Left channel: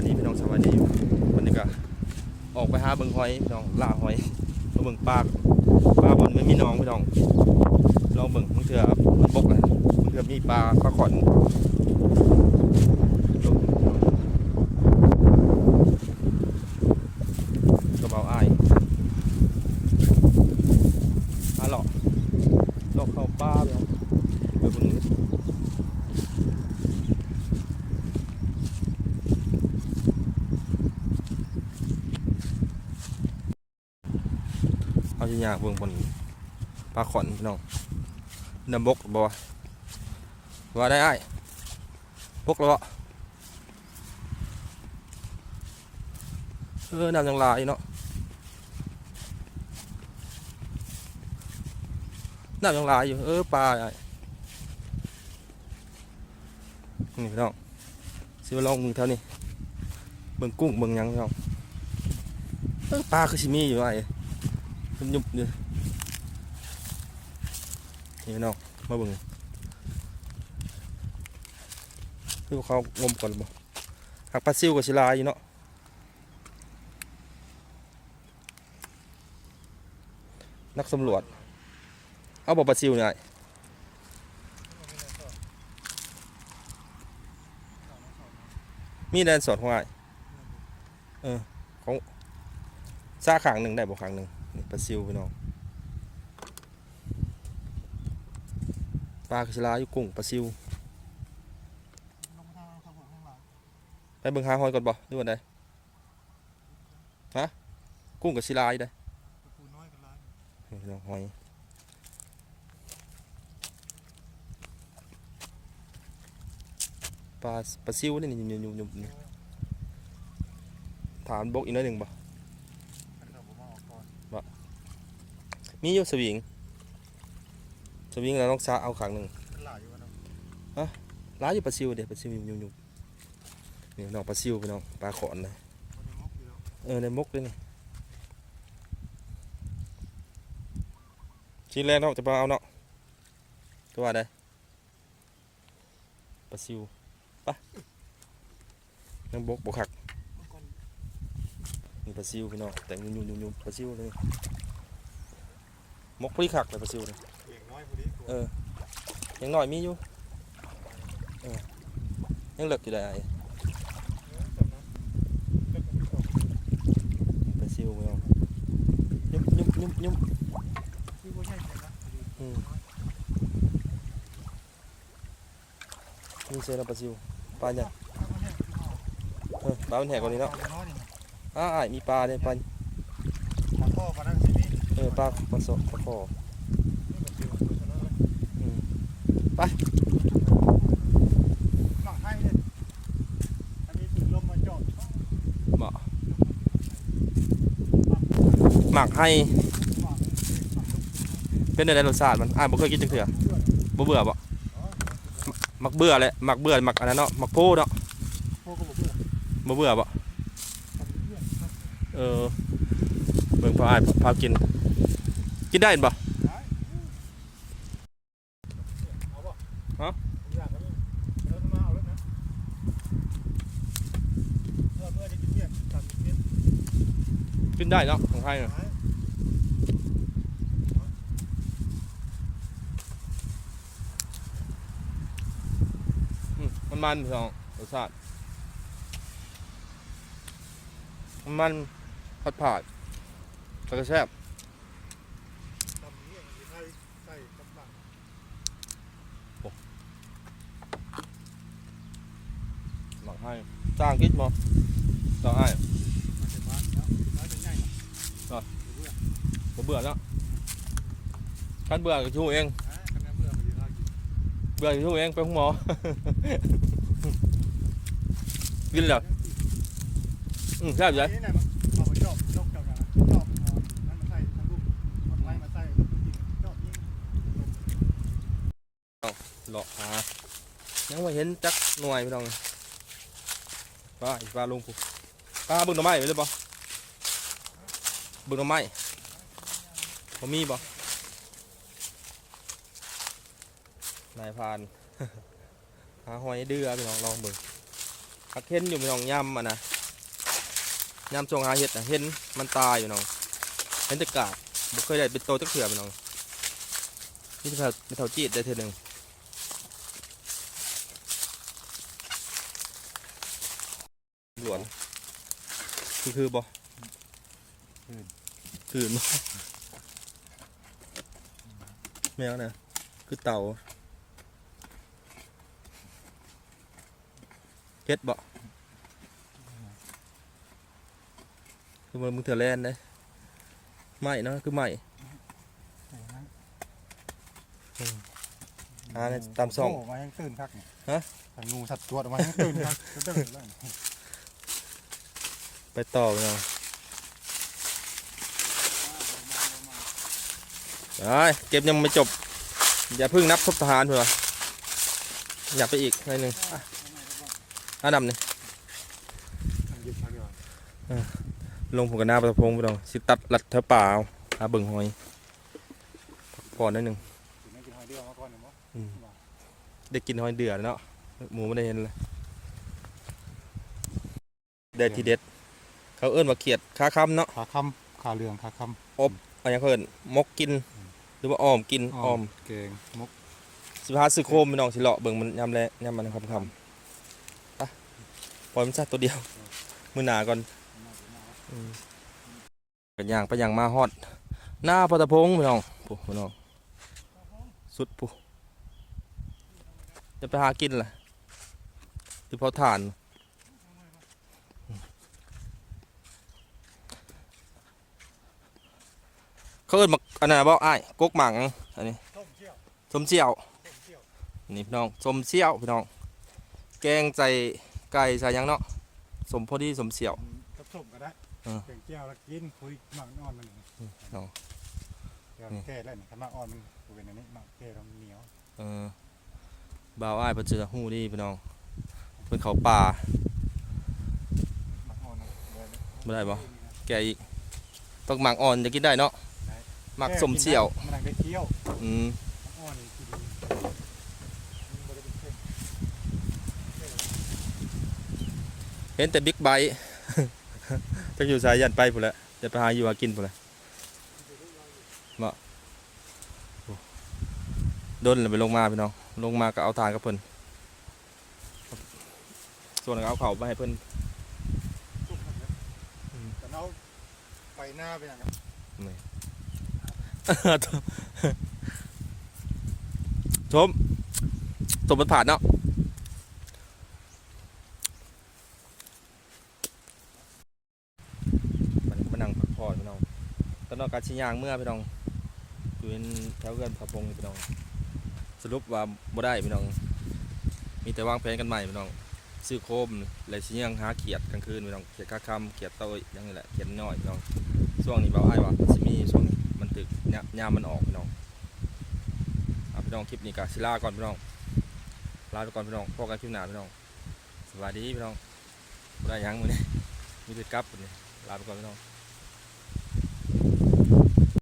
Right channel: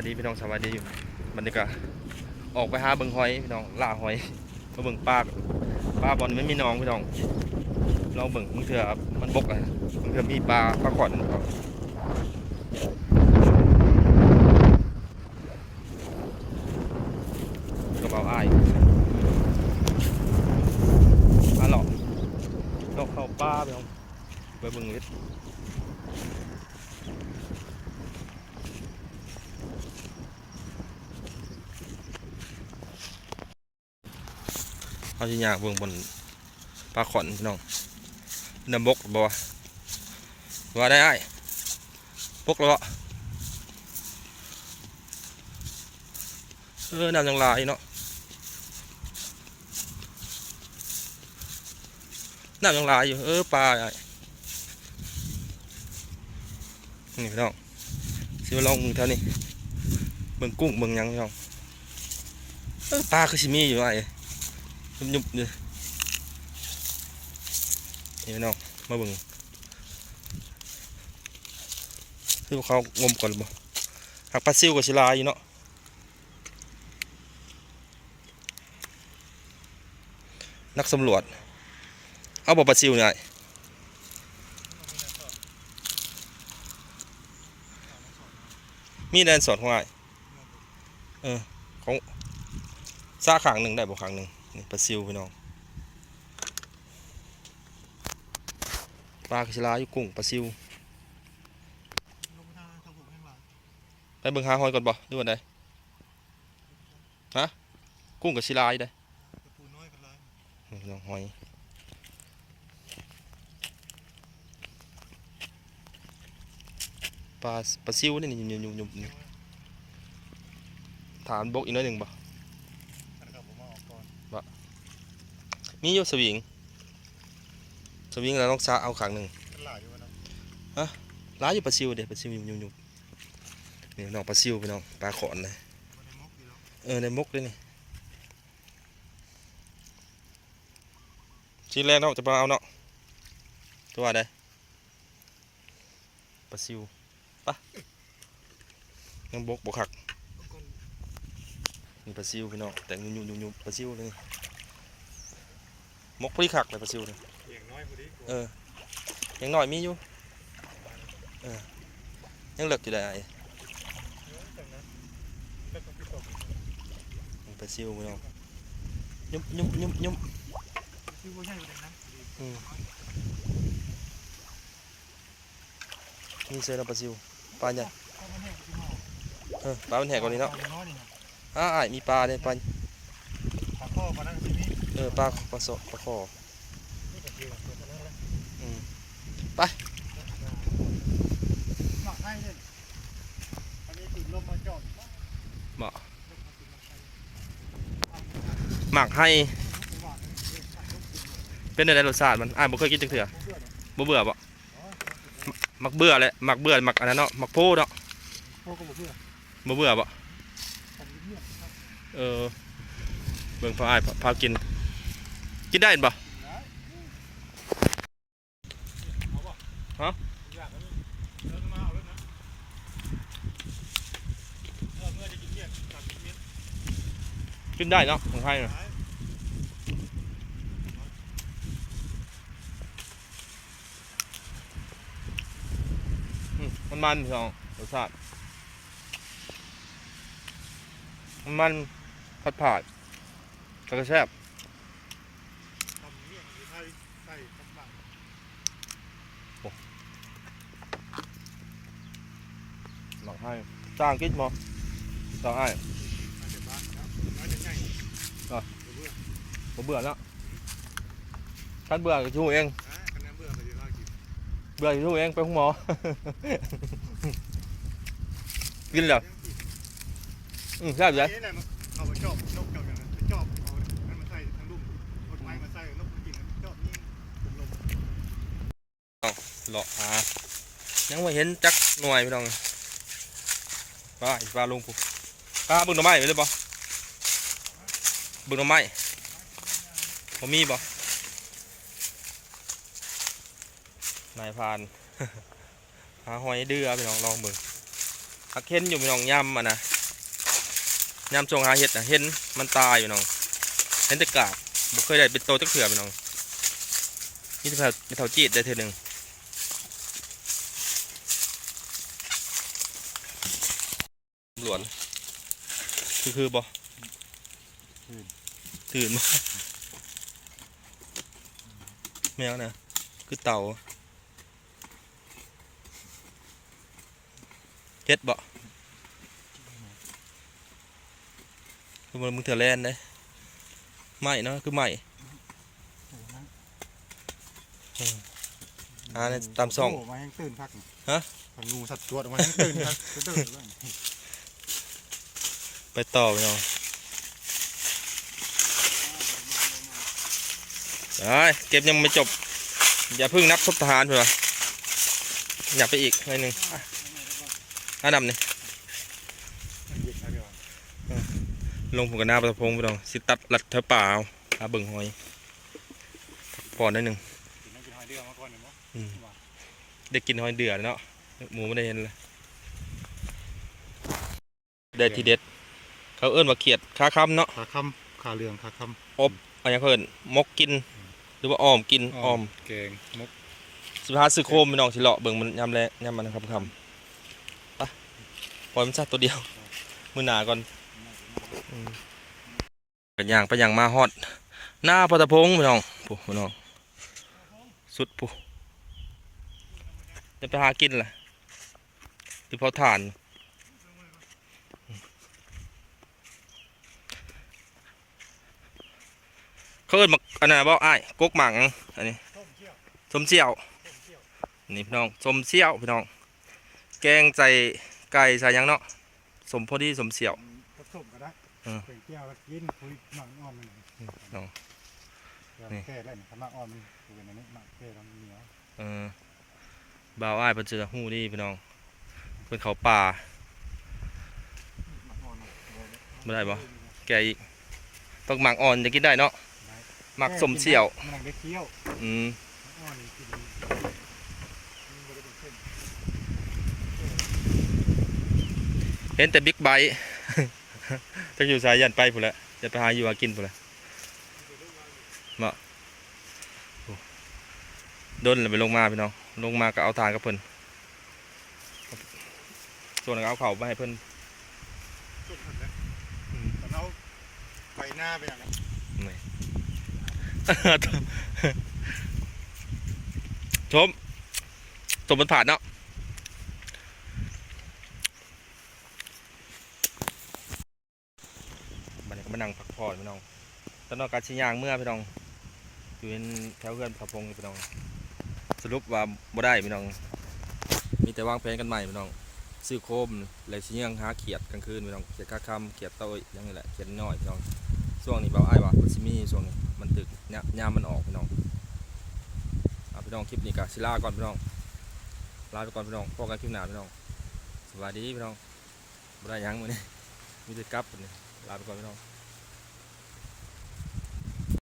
ายดีพี่น้องสบายดีอยู่วันนี้ก็ออกไปหาเบิ่งหอยพี่น้องล่าหอยมาเบิ่งปลาปลาบอลไม่มีน้องพี่น้อง เราเบิ่งมึงเถื่อมันบกเลยมึงเถื่อมีปลาปลาขอนกระเป๋าอ้ายอะหรอลอกเข้าป้าพี่น้องไปเบิ่งนิด เขาจะอยากเบิ่งบนปลาขอนพี่น้องน้ำบกบ่วะว่าได้ไอ้บกแล้วบ่เออน้ำยังลายเนาะน้ำยังลายอยู่เออปลาไอ้นี่พี่น้องสิมาลองมึงเท่านี้เบิ่งกุ้งเบิ่งยังพี่น้องเออปลาคือสิมีอยู่ไอ้ ยยุบยุบๆเลยนี่พี่น้องมาบิ่งคือเขางมก่อนบ่หักปลาซิวกับศิลาอยู่เนาะนักสำรวจ เอาบ่ปลาซิวเนี่ยมีแดนสอดของไอ้ายเออของซาขางหนึ่งได้บ่ขางหนึ่ง นี่ปลาซิวพี่น้องปลากระชลาอยู่กุ้งปลาซิวไปเบิ่งหาหอยก่อนบ่ดูวันใดฮะกุ้งกับชิลาอยู่ได้นี่พี่น้องหอยปลาปลาซิวนี่นี่ยุ่มยุ่มยุ่มนี่ถามบกอีกน้อยหนึ่งบ่ มีอยู่สวิง สวิงแล้วต้องซาเอาขังหนึ่งร้ายอยู่ปลาซิวเด็ดปลาซิวยุ่มยุ่มนี่น้องปลาซิวพี่น้องปลาขอนเลยเออในมกเลยนี่ชิ้นแรกเนาะจะมาเอาเนาะตัวอะไรปลาซิวปะยังบกบกขักปลาซิวพี่น้องแต่ยุ่มยุ่มยุ่มยุ่มปลาซิวเลยนี่ มกพอดีคักเลยปลาซิวเลยอย่างน้อยพอดีกว่าเออยังหน่อยมีอยู่เออยังเหลือกอยู่ได้ไอ้ตอนนั้นก็ต้องตกปลาซิวพี่น้องยุบยุบยุบยุบคือว่าใช่นะพอดีมีเสือแล้วปลาซิวปลาใหญ่เอามาให้พี่น้องเออปลามันแหกกว่านี้เนาะอน้อยนี่นะอ้าอ้ายมีปลาเนี่ยปลาปลาข้อปลานั่นสินี่เออปลาปลาโสปลาคอนี่ก็คือตัวนั้นแหละอืมหมักให้เลยอันนี้ถึงลมมาจอดหมักให้ เป็นอะไรรสชาติมันอ้ายบ่เคยกินจังเถื่อบ่เบื่อบ่หมักเบื่อเลยหมักเบื่อหมักอันนั้นเนาะหมักโพเนาะพก็บ่เบื่อบ่เบื่อบ่เอนเออเบิ่งพออ้ายพากิน กินได้บ่ฮะอยากกันเลยเออมาเอาแล้วนะเมื่อเมื่อจะกินได้เนาะของไทยเนาะมันมันพี่น้องรสชาติมันมันผัดผาดแต่ก็แซ่บ ทำเมี่ยงหรือไทยใส่กับหมัก หมักให้ จ้างกินบ่จ้างให้มาจากบ้านเนาะน้อยเป็นไงเนาะบ่เบื่อแล้วคันเบื่อก็ชูเองอะคะแนนเมื่อมาดีมากกินเบื่อก็ชูเองไปห้องหมอ กินแล้วอืมแซ่บอยู่เลยนี่นะเอาไปจอบจอบกับอย่างนั้นจอบเอามันมาใส่ทางลุ่มมันไม้มาใส่ลูกจริงจอบยิงลมหลอกหายังไม่เห็นจักหน่วยพี่น้อง ปลาอีปลาลงปุ๊บปลาเบึงหน่อไม้ไปเลยบ่บึงหน่อไม้บ่มีบ่นายพานหาหอยเดือพี่น้องลองเบิ่งหักเห็นอยู่พี่น้องย่ำอะนะย่ำช่วงหาเห็ดนะเห็นมันตายอยู่น้องเห็นแต่กาบบ่เคยได้เป็นโตจักเถื่อพี่น้องนี่จะเป็นเท่าจีดได้เท่หนึ่ง หลวน คือคือบ่ตื่นบ่แมวนะคือเต่าเฮ็ดบ่คือมันมึงเถื่อแลนได้ไม่เนาะคือไม่อ่าในตามซ่องโมาให้ตื่นพักนี่ฮะทางงูสัตว์ตัวออกมาให้ตื่นพักตื่นแล้ว ไปต่อพี่น้องไปเก็บยังไม่จบ อย่าเพิ่งนับทบทหารเพื่อนอยากไปอีกหน่อยหนึ่งอันดับนี่มันเย็นครับเดี๋ยวลงผมกับหน้าประพงพี่น้องสิตัดลัดเธอเปล่าอาเบิ่งหอยพอได้หนึ่งกินน้กินหอยเดือมาก่อนเนี่ยมั้งอืมได้กินหอยเดือดเนาะหมูไม่ได้เห็นเลยได้ทีเด็ด เขาเอิ้นว่าเขียดคาคำเนาะขาคำขาเหลืองขาคอันนี้เขาเอิ้นมกกิน หรือว่าอ้อมกินำอ้อมเกงมุกสุภาพสื่อโคมพี่น้องสิเลาะเบิ่งมันยำแลยำมันคำคำไปปล่อยมันซะตัวเดียว มือหนาก่อนอืมเป็นอย่างไปอย่างมาฮอด หน้าพัตพงษ์พี่น้องปุ๊พี่น้องสุดปุ๊จะไปหากินล่ะหรือเผาถ่าน เขาเอิ้นมักอันนั้นบ่อ้ายกกหมังอันนี้ต้มเชี่ยวสมเสี่ยวต้มเชี่ยวนี่พี่น้องสมเสี่ยวพี่น้อง แกงใส่ไก่ใส่หยังเนาะสมพอดีสมเสี่ยวกับส้มก็ได้อืมเป็นเปรี้ยวแล้วกินคุยหมักอ่อนมันอืมเอาเดี๋ยวแก้ได้เนี่ยถ้าหมักอ่อนมันเป็นอันนี้หมักแก้แล้วมันเหนียวเออบ่าวอ้ายเพิ่นสิฮู้ดีพี่น้องเพิ่นเขาป่าหมักอ่อนมันบ่ได้บ่แกอีกต้องหมักอ่อนจะกินได้เนาะ หมักสมเสี่ยว มันนั่งได้เคี้ยวอืมอ่อนนี่กินมันบ่ได้เป็นเส้นเห็นแต่บิ๊กไบค์ จักอยู่สายยันไปพุ่นแหละจะไปหาอยู่หากินพุ่นแหละมาโอ้ดนเลยไปลงมาพี่น้องลงมาก็เอาทานกับเพิ่นส่วนเอาเข่าวมาให้เพิ่นจุ่มหมดเลยอืมตอนเอาไปหน้าไปอย่างนั้นไม่ ชมสมบัติผ่านเนาะมาเนี่ยมานั่งพักผ่อนพี่น้องตอนนอกการชิยางเมื่อพี่น้อง อยู่ในแถวเพื่อนพะพงพี่น้อง สรุปว่าบ่ได้พี่น้อง มีแต่วางแผนกันใหม่พี่น้อง ซื้อโคมเลยสิยังหาเขียดกลางคืนพี่น้อง เขียดข้าคำเขียดโตยอยังนี่แหละ เขียดน้อยพี่น้อง ช่วงนี้เบาอ้ายว่ะมันสิมี ช่วงนี้มันตึกยามยามมันออกพี่น้องเอาพี่น้องคลิปนี้ก็สิลาก่อนพี่น้องลาไปก่อนพี่น้องพบกันคลิปหน้าพี่น้องสวัสดีพี่น้องได้ยังมื้อนี้มีดกลับมือนี้ลาไปก่อนพี่น้อง